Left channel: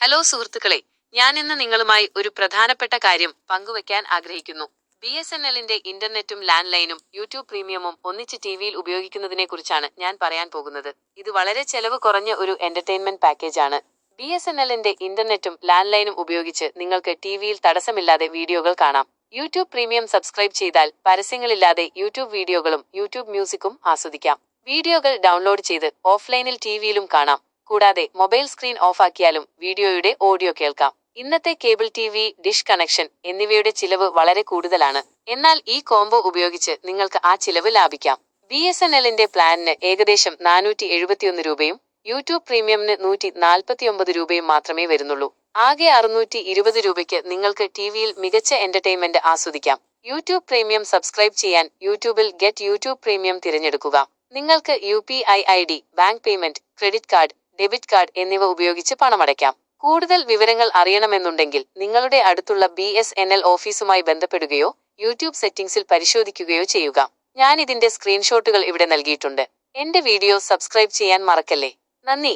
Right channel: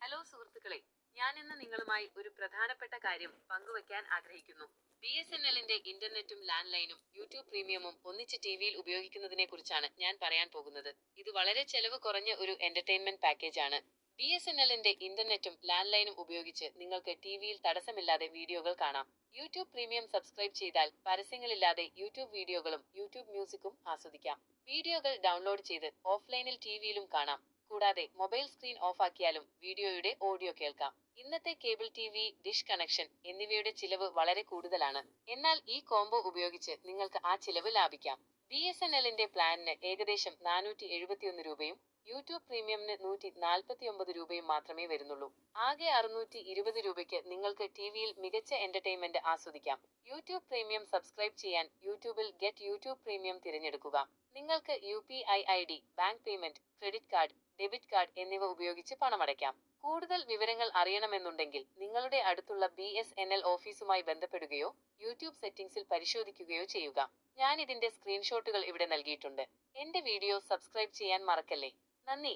Hello സുഹൃത്തുക്കളെ, ഞാൻ ഇന്ന് നിങ്ങളുമായി ഒരു പ്രധാനപ്പെട്ട കാര്യം പങ്കുവയ്ക്കാൻ ആഗ്രഹിക്കുന്നു. BSNLന്റെ ഇന്റർനെറ്റും ലാൻഡ് ലൈനും യൂട്യൂബ് പ്രീമിയമും ഒന്നിച്ച് ടിവിയിൽ ഉപയോഗിക്കുന്നതിനെക്കുറിച്ചാണ് ഞാൻ പറയാൻ പോകുന്നത്. ഇത് വളരെ ചെലവ് കുറഞ്ഞ ഒരു എന്റർടൈൻമെന്റ് പാക്കേജ് ആണ്. BSNLന്റെ ഇന്റർനെറ്റും ലാൻഡ് ലൈനും ഉപയോഗിച്ച് നിങ്ങൾക്ക് ടിവിയിൽ തടസ്സമില്ലാതെ വീഡിയോകൾ കാണാം. യൂട്യൂബ് പ്രീമിയം സബ്സ്ക്രൈബ് ചെയ്താൽ പരസ്യങ്ങളില്ലാതെ യൂട്യൂബ് വീഡിയോകളും യൂട്യൂബ് മ്യൂസിക്കും ആസ്വദിക്കാം. വീഡിയോകൾ ഡൗൺലോഡ് ചെയ്ത് ഓഫ്ലൈനിൽ ടിവിയിലും കാണാം. കൂടാതെ മൊബൈൽ സ്ക്രീൻ ഓഫാക്കിയാലും വീഡിയോയുടെ ഓഡിയോ കേൾക്കാം. ഇന്നത്തെ കേബിൾ TV, ഡിഷ് കണക്ഷൻ എന്നിവയുടെ ചിലവ് വളരെ കൂടുതലാണ്. എന്നാൽ ഈ കോംബോ ഉപയോഗിച്ച് നിങ്ങൾക്ക് ആ ചിലവ് ലാഭിക്കാം. BSNLന്റെ പ്ലാനിന് ഏകദേശം 471 രൂപയും യൂട്യൂബ് പ്രീമിയമിന് 149 രൂപയും മാത്രമേ വരുന്നുള്ളൂ. ആകെ 620 രൂപയ്ക്ക് നിങ്ങൾക്ക് ടിവിയിൽ മികച്ച എന്റർടൈൻമെന്റ് ആസ്വദിക്കാം. യൂട്യൂബ് പ്രീമിയം സബ്സ്ക്രൈബ് ചെയ്യാൻ യൂട്യൂബിൽ ഗെറ്റ് യൂട്യൂബ് പ്രീമിയം തിരഞ്ഞെടുക്കുക. നിങ്ങൾക്ക് UPI ID, bank payment, credit card, debit card എന്നിവ ഉപയോഗിച്ച് പണമടയ്ക്കാം. കൂടുതൽ വിവരങ്ങൾ അറിയണമെന്നുണ്ടെങ്കിൽ നിങ്ങളുടെ അടുത്തുള്ള BSNL ഓഫീസുമായി ബന്ധപ്പെടുകയോ യൂട്യൂബ് സെറ്റിംഗ്സിൽ പരിശോധിക്കുകയോ ചെയ്യുക. ഞാൻ ഇതിന്റെ സ്ക്രീൻഷോട്ടുകൾ ഇവിടെ നൽകിയിട്ടുണ്ട്. എന്റെ വീഡിയോ സബ്സ്ക്രൈബ് ചെയ്യാൻ മറക്കല്ലേ. നന്ദി.